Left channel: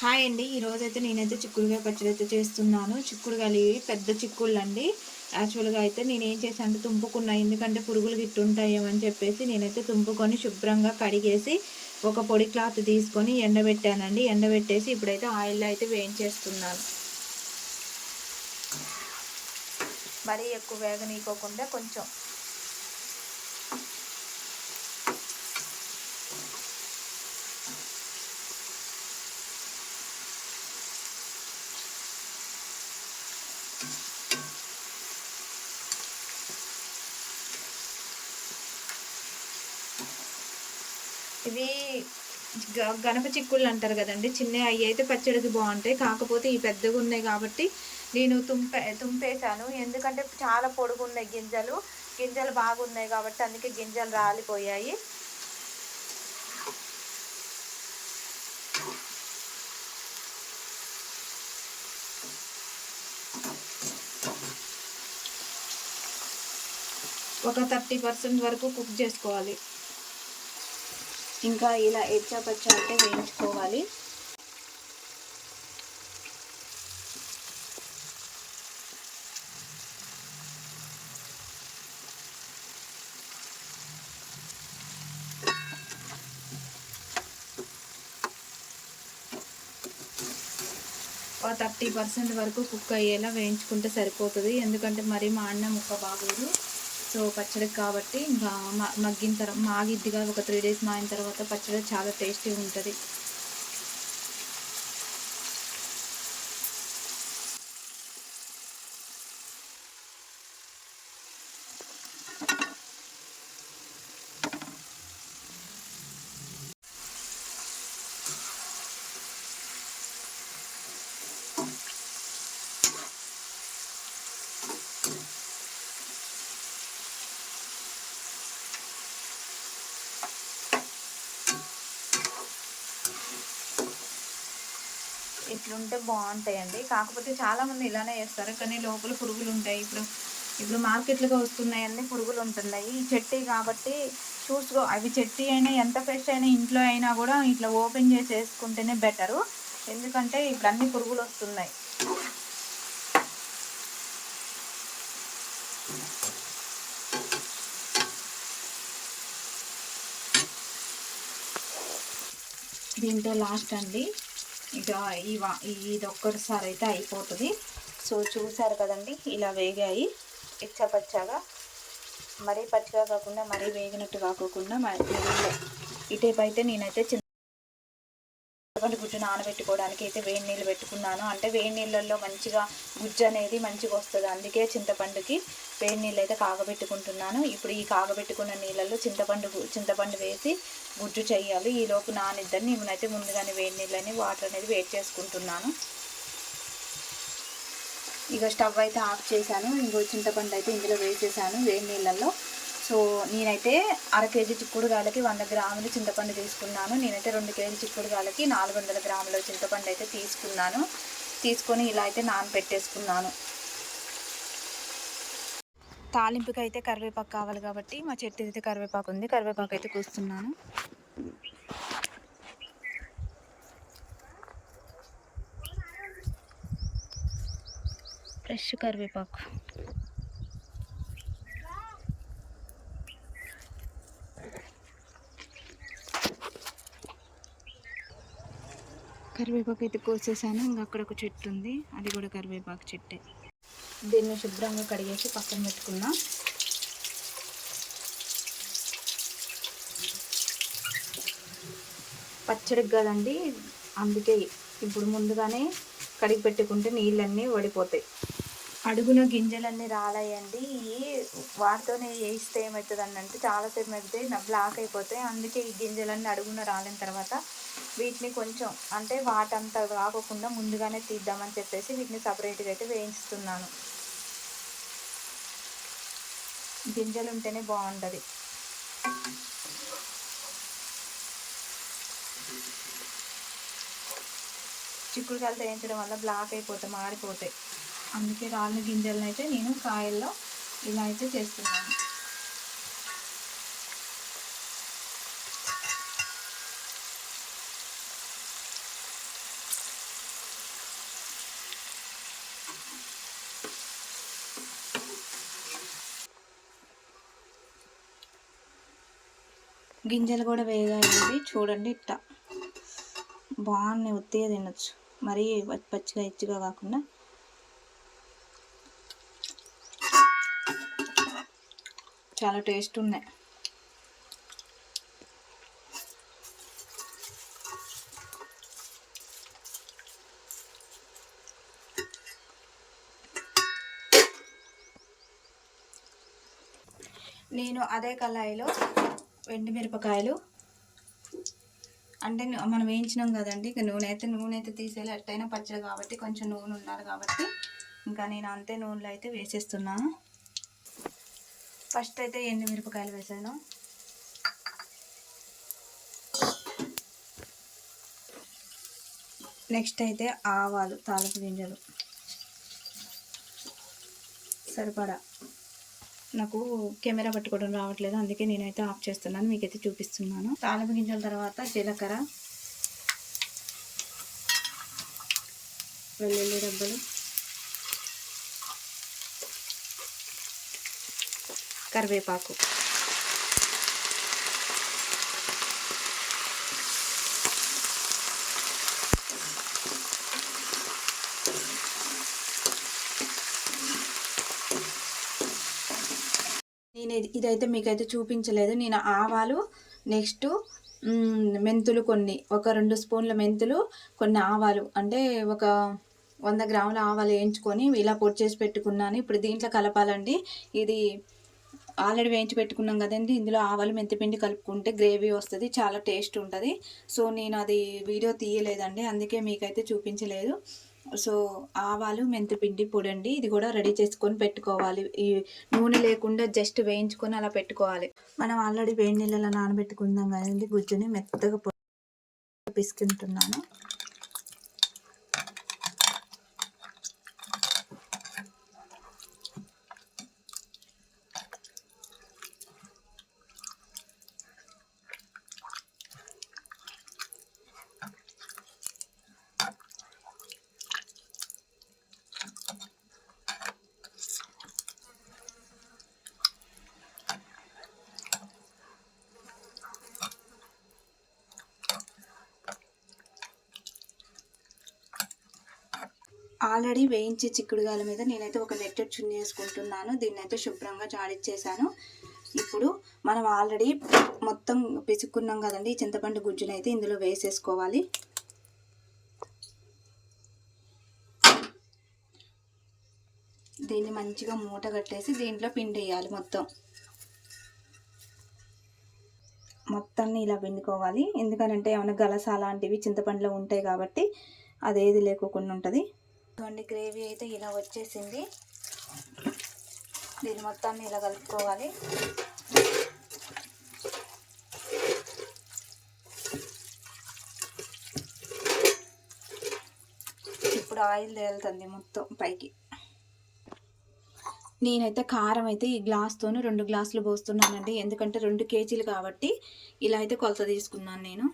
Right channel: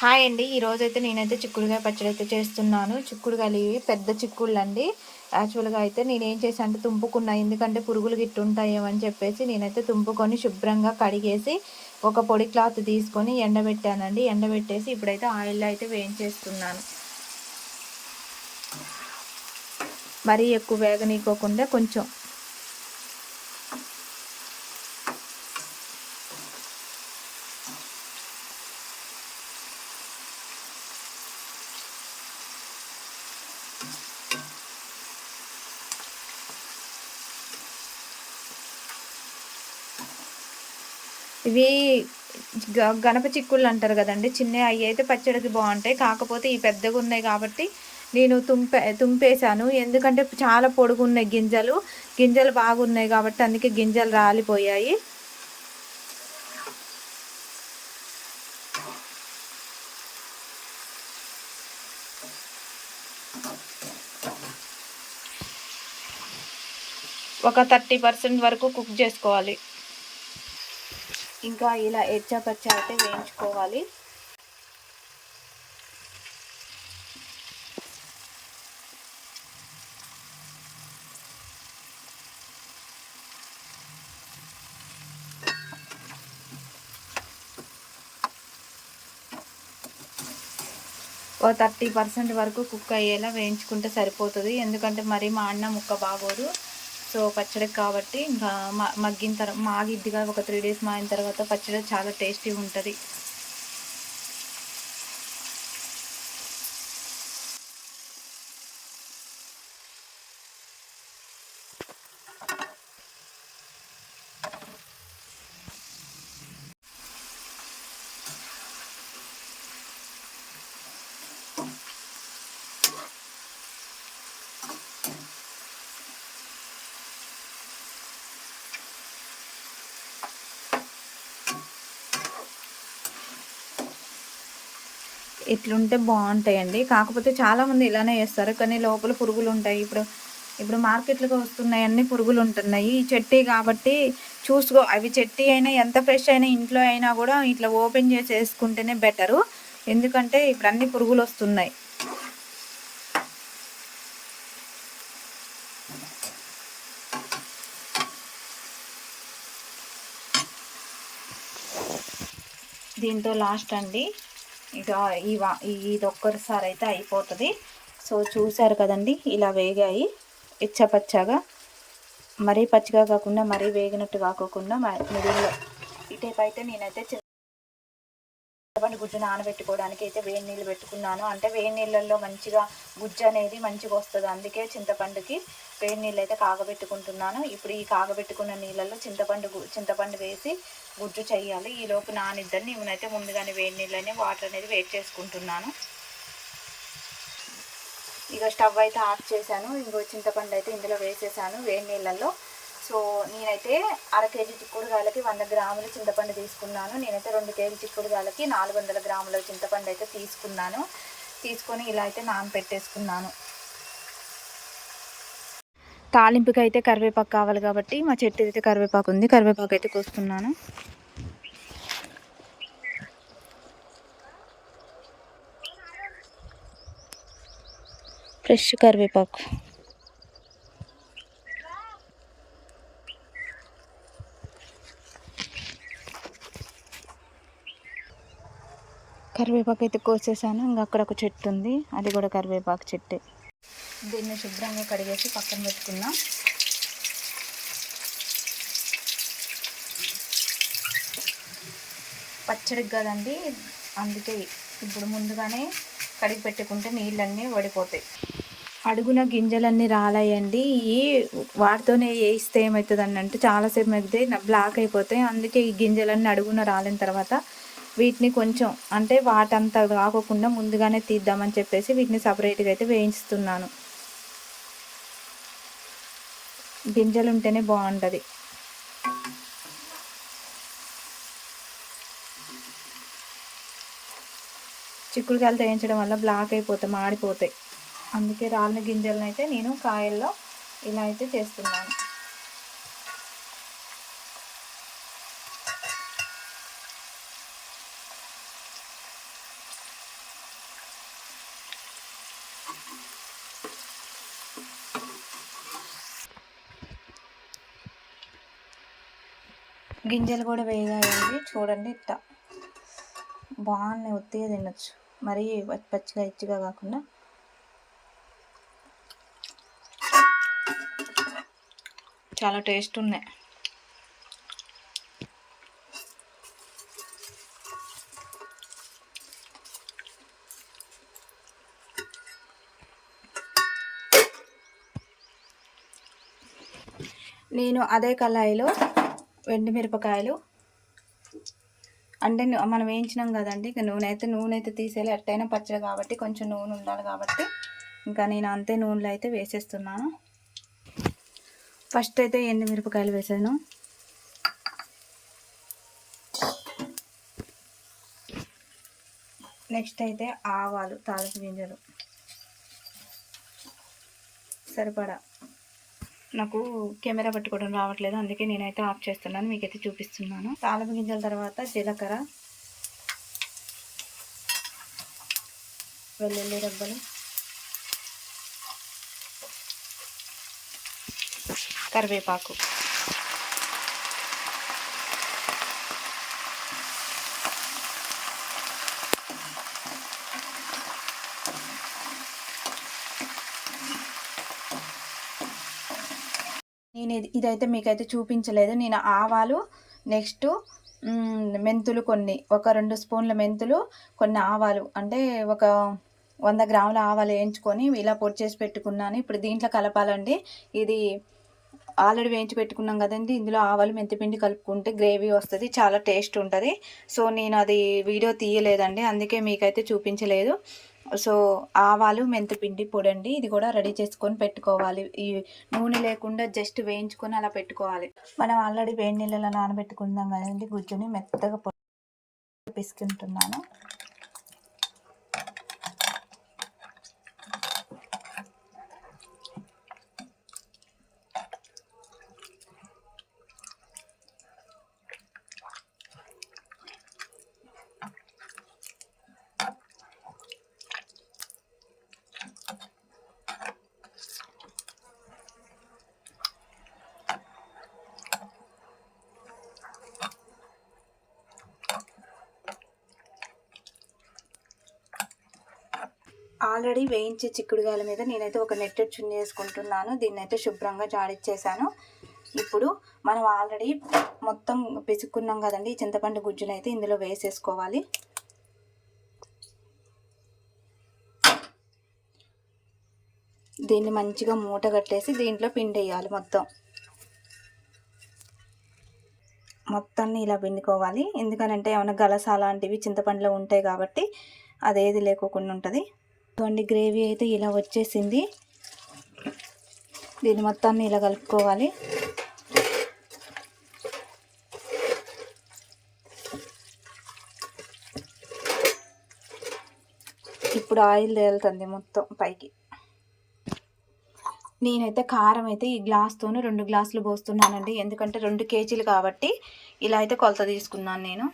Hi అండి. ఈరోజైతే నేనైతే చిక్కుడుకాయ పచ్చడి అయితే చేస్తున్నాను. చిక్కుడుకాయలు ఇవి పెద్ద చిక్కుళ్ళు అండి. యాక్చువల్‌గా అయితే నేనేం చేశాను అంటే తుంపుకున్నా. ఎందుకంటే పురుగులు గిట్టు ఉంటాయేమో అని చెప్పేసి నేనైతే తుంపుకొని శుభ్రంగా కడిగేసి ఒక పొడి క్లాత్ తీసుకొని ఎండబెట్టానండి. ఎండబెట్టేసి ఇప్పుడైతే ఆయిల్‌లో అయితే వేయించేస్తున్నాను. మరీ ఎక్కువ వేగనీయకోకుండా కొంచెం ఇవి గణప చిక్కుళ్ళు అంటారు కదండి, చిన్నవి. అవి అయితే పచ్చడికి బాగుంటాయి. కాకపోతే ఈ పెద్దగా ఉన్నాయి కాబట్టి నేను తుంపేశాను. ఎందుకంటే చాలా పొడుగున్నాయి గింజలు. గింజలు బాగున్నాయి కాబట్టి అందుకే గింజలు రాలిపోయాయి. ఒక 30% వరకు కుక్ చేసుకోవాలి. ఇంకా ఇలా ఎచ్చపచ్చ అయితే వేయించుకోవాలి. ఓ 30% వరకు కుక్ అయ్యేలా వేయించుకుంటే సరిపోతుంది. ఎందుకంటే మరీ మాడిన ముక్క బాగోదు. సో పచ్చడికి కాబట్టి ఇంకా మగ్గిన తర్వాత మాగిద్ది కదా, ఒక 3 డేస్ మాగిన తర్వాత పచ్చడి చాలా టేస్టీగా ఉంటుంది. ఇట్లుంటే బాగుంటాయండి. కాకపోతే చాలామంది ఇలానే చేస్తారు, కానీ లోపల పురుగులు ఉంటాయి. ఇప్పుడు మార్కెట్లోకి వస్తున్నాయన్నీ పురుగులు ఉంటున్నాయి. ఈ చెట్టి కాబట్టి చూసుకో, అవి చెట్టి అయినా ఎంత ఫ్రెష్ అయినా ఇంట్లో అయినా కూడా ఇట్లా ఓపెన్ చేసి వేసుకుంటేనే బెటరు. ఎందుకంటే ఇప్పుడు అన్ని పురుగులు వస్తున్నాయి. దీంతో లాస్ట్ అండి, ఇక ఇది ఒక్కసారి అయితే అయిపోతుంది. సో చూసారు కదండి, ఇలా వేగాయి ఇచ్చపచ్చగా. మరీ పచ్చిగా కాకుండా మరీ వేగినట్టు కాకోకుండా మిడిల్లో. ఇటేపు అయితే నేనైతే చింతపండు గుజ్జు నానబెట్టుకోవడానికి అయితే వేడి నీళ్ళు పెట్టుకున్నాను. అంటే వేడి నీళ్ళల్లో మంచిగా గుజ్జు అనేది మంచిగా వస్తుంది. అందుకే చింతపండుకి వేడి నీళ్ళు అయితే కాగబెట్టుకుంటున్నాను. ఇప్పుడు ఈ కాగబెట్టుకున్న నీళ్ళల్లో చింతపండు వేసి గుజ్జు చేయాలి. ఈలోపు నానిద్దని నేనైతే ముందుగానే వేడి నీళ్ళని వాటర్ అనేది వేడి చేసుకుంటున్నాను. ఇక స్టవ్ అయితే ఆఫ్ చేశాను. ఇంకో చింతపండు అయితే ఇందులో వేసేసాను వేడి నీళ్ళల్లో. సో నేనైతే 1/2 కేజీ చిక్కుడుకాయలకి 100 గ్రాములు చింతపండు తీసుకున్నాను. నేనైతే 2 కేజీ చిక్కుడుకాయలకి 400 గ్రాముల చింతపండు అయితే తీసుకున్నాను. తీసుకొని ఇలా అయితే నానబెట్టేసుకున్నాను. తాలింపుకి అయితే కరివేపాకు కావాలి కాబట్టి మా చెట్టు అయితే కరివేపాకు ఉంది. కరివేపాకు అయితే కోస్తున్నాను. ఫ్రెష్ కరివేపాకు. కరివేపాకు అయితే కోసేసాను. ఇంకా అక్కడ ఒక చెట్టు ఉంది, అది కూడా కరివేపాకు చెట్టే. దీన్ని శుభ్రంగా కడిగేసి పక్కన పెట్టుకున్నాం. పచ్చడికి కదండి, అందుకే ఇప్పుడు ముందుగానే కడిగి పెట్టుకుంటే నీళ్ళన్నీ వడిపోతాయి. అడుగున గింజలన్నీ రాలాయండి. ఈ వాటితోనే వేయిస్తే ఏమవుతుందండి అంటే చాలాసేపు మగ్గితే బ్లాక్ అయిపోతాయి. అందుకే ఈ గింజలన్నీ అడుగున రాలిన తర్వాత వీటిని కొంచెం అంటే వాటంతా కాకుండా ముందుగానే తీద్దామని చెప్పేసి వీటిని సపరేట్గా అయితే వేయిస్తున్నాను. గింజలు ఉంటేనే బాగుంటుంది. చిక్కుడుకాయలు వేయించడం వల్ల బ్లాక్ అయిపోతాయి, మాడిపోతాయి. అందుకే రాలిన గింజలను అయితే నేను కాయల్లో ఇలా అయితే చేస్తున్నాను. గింజలు కూడా వేగాయండి. చూడండి ఇట్లా బాగున్నాయి, ఉత్తిగా తినొచ్చు, మరీ పచ్చిగా ఇచ్చిగా కాకుండా. చాలా టేస్ట్ ఉన్నాయి. నేను అదే కళాయిలో ఎండుమిరపకాయలు, అంటే మనం వేయించినాం కదండి, ఇక నూనె అయితే తీసేయాలి, ఎట్టయినా పచ్చడి కాబట్టి కొంచెం నూనె ఉండాలి కాబట్టి ఇంకా నేను అంతే నూనెలో అయితే వేసేస్తున్నాను. ఫస్ట్ అయితే ఎండుమిరపకాయలు వేసాను. నెక్స్ట్ అయితే ఆవాలు, తాలింపు గింజలు సరిపడా. నాకు కెమెరా పట్టుకోవడం రావట్లేదు, అందుకే నేనైతే ఆఫ్ చేస్తున్నాను, మీకైతే చూపిస్తున్నాను. తాలింపు గింజల తర్వాత జీలకర్ర, వెల్లుల్లి రెబ్బలు, కరివేపాకు, నేను ఇదైతే మీకైతే చూపించలేదు. నేను ఆవాలు, నెక్స్ట్ మెంతులు ఒక 2 స్పూన్ల మెంతులు, కొన్ని ఆవాలు, అంటే ఒక 100 గ్రాముల ఆవాలు వేయించుకొని ఇలా పొడి చేసి పెట్టుకున్నాను. ఇప్పుడు దీంట్లో కలపాలండి. ఇది ఆల్రెడీ వేయించి పెట్టుకున్నాం కదండి, ఇందులో ఆవాలు మెంతిపిండి కలుపుకుంటే గ్రేవీ వస్తుంది, చాలా టేస్ట్ ఉంటుంది. సో నేను అది వీడియో తీయలేదండి, అందుకే మీకైతే చూపించలేదు. సో ఆవాలు మెంతిపిండి పొడి అండి, ఇది కూడా రెడీ చేసుకొని పెట్టుకోవాలి. ఈ నూనె లేకుండా జస్ట్ వేయించుకొని అలా పెట్టుకోవాలి. మనం ఆల్రెడీ వేడి నీళ్ళలో నానబెట్టుకుందాం కదండి, గుజ్జుని మెత్తగా పిసుకుంటున్నాను. ఆల్రెడీ వేయించి చిక్కుడుగాయల మీద నేనైతే ఒక నెట్టెడ్ చున్నీ వేసుకుంటున్నాను. దీన్ని అయితే శుభ్రంగా జాడిచ్చేసాను. ఇప్పుడు మనం ఆల్రెడీ మొత్తం పిసుక్కున్నాం కదండి, ఈ చింతపండు గుజ్జును అయితే ఇందులో వేసేసుకోవాలి. దీన్ని మంచిగా మూట కట్టేసి దీంట్లో పిండి వేయాలి. మొత్తాన్ని ఇలా పిండుకోవాలి, ఎందుకనంటే ఏమైనా గలస అలాంటివి చింతపండులో ఉంటాయి కాబట్టి అదేది లేకోకుండా ఉంటుంది. ఇటువంటి గ్రేవీ అయితే ఇలా వచ్చేసింది. దీన్ని మొత్తాన్ని ఇలా కలుపుకోవాలి. ఇప్పుడు ఆయిల్ తేలుతుంది మొత్తం పైకి. నేనైతే కారం అయితే ఈ గ్లాస్తోను 2 గ్లాసులు పోస్తున్నానండి, ఎందుకంటే 2 కేజీలు కాబట్టి ఇలా అయితే కొలత తీసుకున్నాను నేను.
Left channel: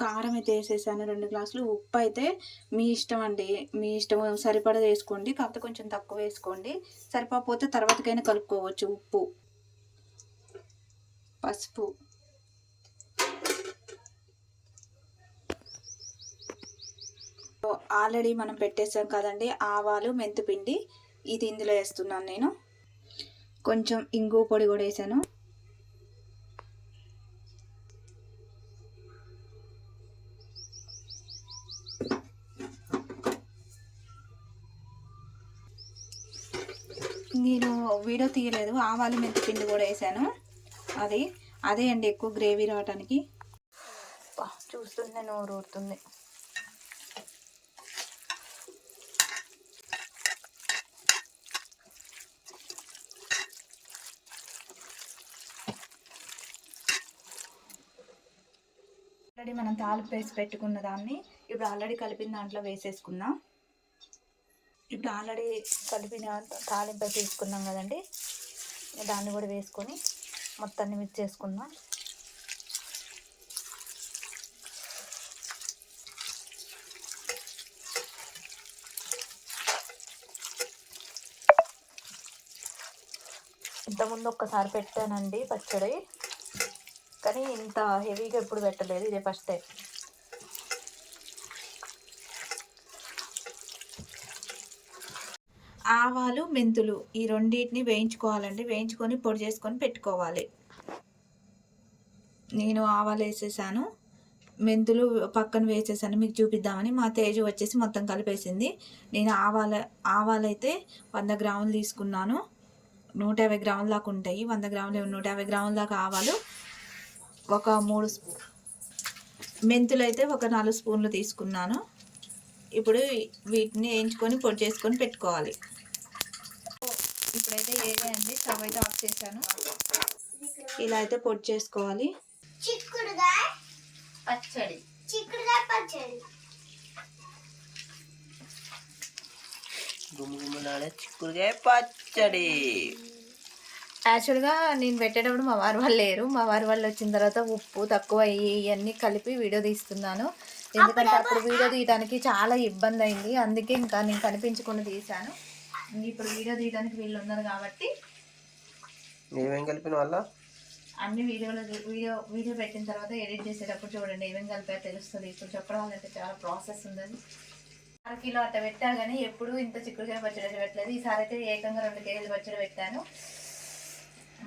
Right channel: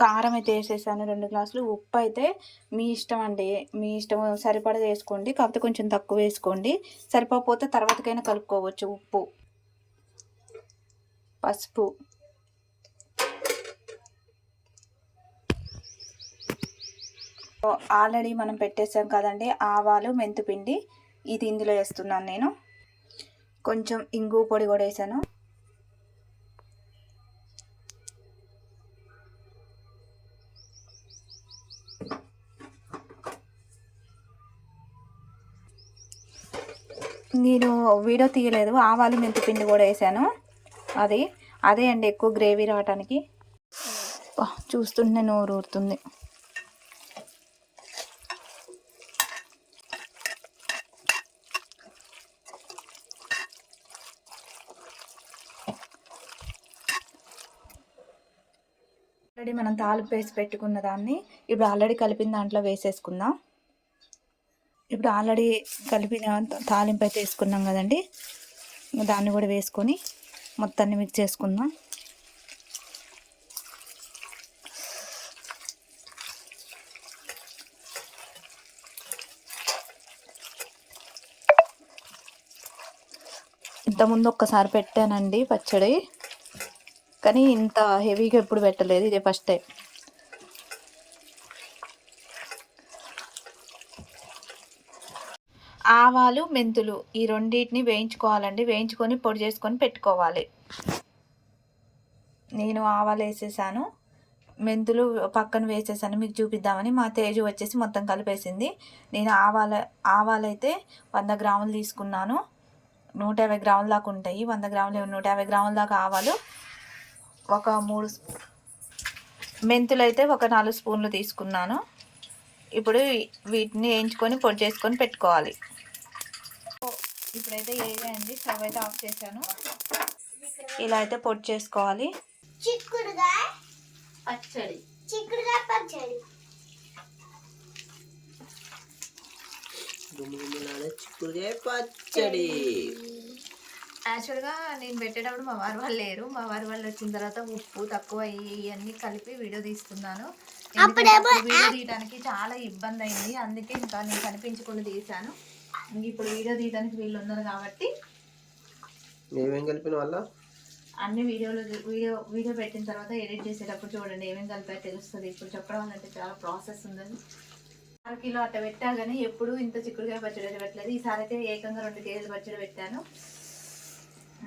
కారం అయితే వేసేసాను 2 గ్లాసులు. ఉప్పు అయితే మీ ఇష్టం అండి, మీ ఇష్టం సరిపడా వేసుకోండి, కాకపోతే కొంచెం తక్కువ వేసుకోండి, సరిపోతే తర్వాతకైనా కలుపుకోవచ్చు. ఉప్పు, పసుపు, ఆల్రెడీ మనం పెట్టేసాం కదండి ఆవాలు మెంతిపిండి, ఇది ఇందులో వేస్తున్నాను నేను. కొంచెం ఇంగు పొడి కూడా వేసాను. నేను వీడియో తీయలేదు, ఆవాలు మెంతిపిండి కూడా వేసాను. అదే అండి ఎక్కువ గ్రేవీ రావటానికి. చూస్తుంటే నోరు ఊరుతుంది. ఆల్రెడీ మనం తాలింపు వేసి పెట్టుకున్న దాన్ని ఇప్పుడు ఆల్రెడీ కలిపిన దాంట్లో వేసేసుకుందాం. ఇప్పుడు ఆల్రెడీ కలిపిన తాలింపు అయితే వేసుకున్నాం కదండి, దాన్ని కూడా వేసుకొని మొత్తాన్ని మిక్స్ చేసుకుందాం. ఇంతకుముందు ఒక్కసారి పెట్టానండి పచ్చడి, కానీ ఇంత హెవీగా ఎప్పుడు పెట్టలేదు, ఇదే ఫస్ట్ టైం. ఆవాలు మెంతులు ఈ రెండింటిని వేయించుకోవాలండి. వేయించుకొని పొడి చేసుకొని పెట్టుకోవాలి. నేను ఆవాలు వేసేసాను, మెంతులు పక్కన వేసేసాను మీకు చూపిద్దామని. మా తేజు వచ్చేసి మొత్తం కలిపేసింది. నేను ఆవాలైతే 100 గ్రాములు తీసుకున్నాను. 150 గ్రాముల దాకా ఉంటాయి. 100 గ్రాములు 150 గ్రాముల దాకా ఆవాలు, ఒక 3 మెంతులు అయితే ఒక 4 స్పూన్లు తీసుకున్నాను. ఇప్పుడు వీటిని వేయించుకొని పొడి చేసుకొని పెట్టుకోవాలి. ఇప్పుడైతే ఏదండి స్టవ్ అయితే ఆఫ్ చేశాను. ఇలా అయితే పొడి చేసుకోవాలి. చిక్కుడుకాయ పచ్చడి. గుమ్మగుమ్మలాడే చిక్కుడుకాయ పచ్చడి. యాక్చువల్గా నేను పెట్టేటప్పుడు మా వారు వాళ్ళు లేరు. మా వారు వాళ్ళు వచ్చిన తర్వాత ఉప్పు తక్కువ ఇవన్నీ కలిపి వీడియో తీస్తున్నాను. ఎందుకంటే అప్పుడు వీడియో తీయడానికి చాలా ఇబ్బంది అయింది. అందుకే ఇంకా నేను కనిపించకుండా తీశాను. ఇప్పుడు వీడియో తీయడానికి వీళ్ళు ఉన్నారు కాబట్టి ఏమేం కలిపిన వల్ల అన్ని వీడియో పెట్టిన తర్వాత ఎడిట్ చేసేటప్పుడు చూడండి ఏమేమి కలిపా తెలుస్తుంది. ఇప్పుడు చెప్పడం వల్ల చాలా ప్రాసెస్ ఉందని. 1 కిలో అట్లా పెట్టా కానీ ఎప్పుడు ఇంత చిక్కుడుకాయ పచ్చడి పెట్టలేదు. ఈసారి అయితే ఏకంగా 2 కేజీలు పచ్చడి పెట్టాను.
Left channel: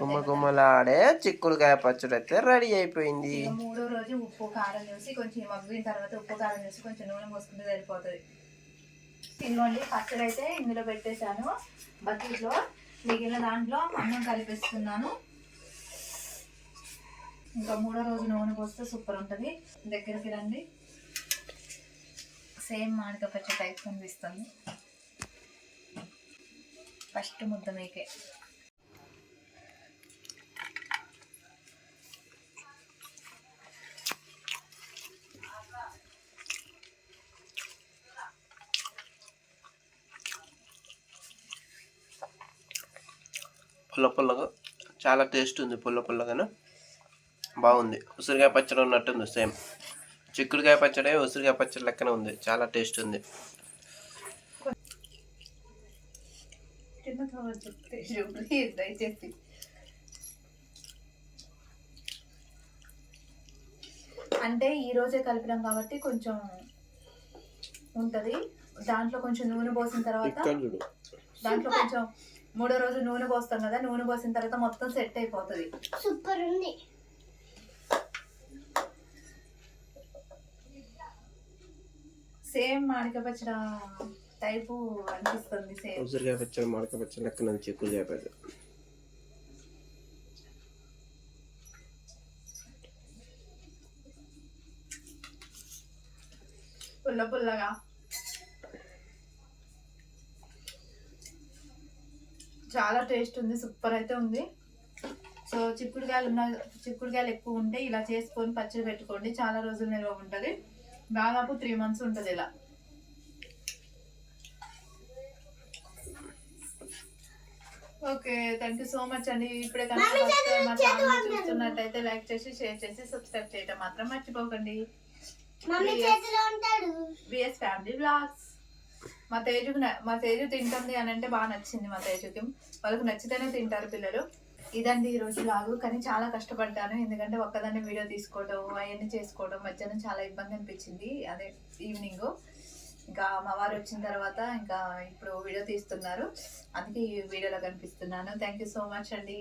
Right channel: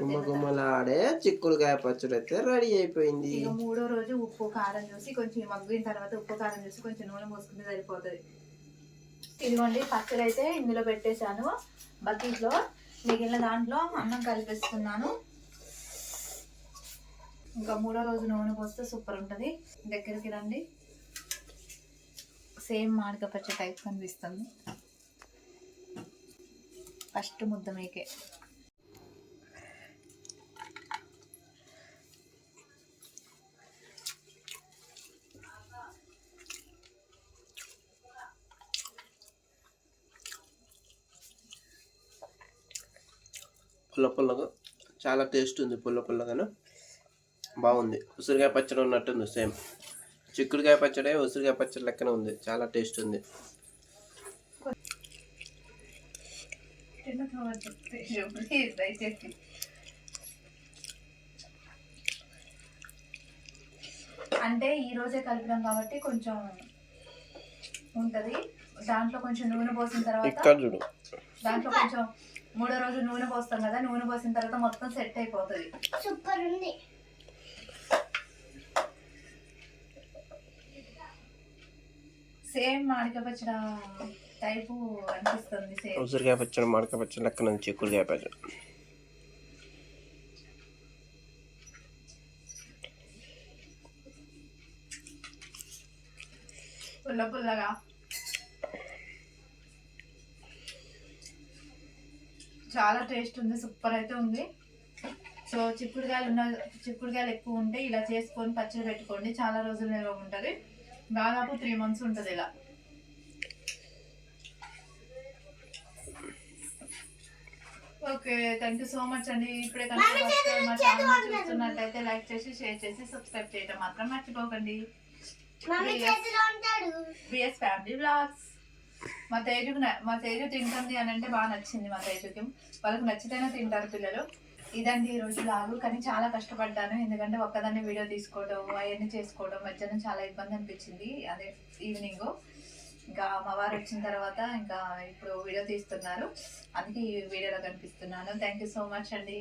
గుమ్మగుమ్మలాడే చిక్కుడుకాయ పచ్చడి అయితే రెడీ అయిపోయింది. ఇక 3వ రోజు ఉప్పు కారం చూసి కొంచెం మగ్గిన తర్వాత ఉప్పు కారం చూసి కొంచెం నూనె పోసుకుంటే సరిపోతుంది. ఇదిగోండి పచ్చడి అయితే ఇందులో పెట్టేశాను బకెట్లో. మిగిలిన దాంట్లో అన్నం కలిపిస్తున్నాను. ఇంకా 3వ రోజు నూనె పోస్తే సూపర్ ఉంటుంది. దగ్గరికి రండి, సేమ్ మామిడికాయ పచ్చడి టైప్ కనిపిస్తుంది. ఫస్ట్ ముద్ద మీకే. పుల్ల పుల్లగా చాలా టేస్ట్ ఉంది. పుల్లగాను బాగుంది. ఉసిరికాయ పచ్చడి ఉన్నట్టుంది. సేమ్ చిక్కుడుకాయ పచ్చడి ఉసిరికాయ పచ్చడి లెక్కనే ఉంది. చాలా టేస్ట్ ఉంది. అంటే ఈ రోజే కలిపినాం కాబట్టి కొంచెం ఉంటుంది. దాంట్లో కొంచెం నూనె పోసిన తర్వాత దాంట్లో కొంచెం 3వ రోజు నూనె పోస్తాం కదా, నూనె పోసిన తర్వాత మొత్తం సెట్ అయిపోతుంది. సూపర్ ఉంది. సేమ్ మామిడికాయ పచ్చడి టైపు అనిపిస్తుంది. సేమ్ ఉసిరికాయ పచ్చడి మామిడికాయ పచ్చడి లెక్కన చిక్కుడుకాయ పచ్చడి. పుల్లగా చాలా టేస్ట్ ఉంది. సూపర్ అయితే ఉంది. సో చిక్కుడుకాయలు ఎక్కువ ఉంటే ఇలా చేసుకొని పచ్చడి పెట్టుకోండి. చాలా రోజులు నిల్వ ఉంటుంది. దాదాపు 3 months ఉంటుంది ఇలా. Okay, thank you so much అండి. ఇప్పుడే కనుక మా ఛానల్ చూస్తున్నట్టయితే లైక్ చేసి షేర్ చేసి సబ్స్క్రైబ్ చేయడం మాత్రం మర్చిపోకండి. BS family vlogs. మా తేజు తింటుంది అని అంటే బాగా నచ్చింది. మా తేజుకి వాళ్ళకి నచ్చితేనే తింటారు పిల్లలు. ఇదండి ఈరోజు లాగు. కానీ చాలా కష్టపడ్డాను, ఎందుకంటే ఒక్కదాన్ని వీడియో తీసుకోవడం అవన్నీ చేసుకోవడం మధ్యాహ్నం చాలా ఇబ్బంది అనిపించింది. అదే ఈవినింగ్ ఇంకా మా వారు వచ్చిన తర్వాత ఇంకా ఇప్పుడు వీడియో తీస్తున్నారు, అందుకే ఈ వీడియోలో కనిపిస్తున్నాను. థ్యాంక్ యూ సో మచ్ అండి.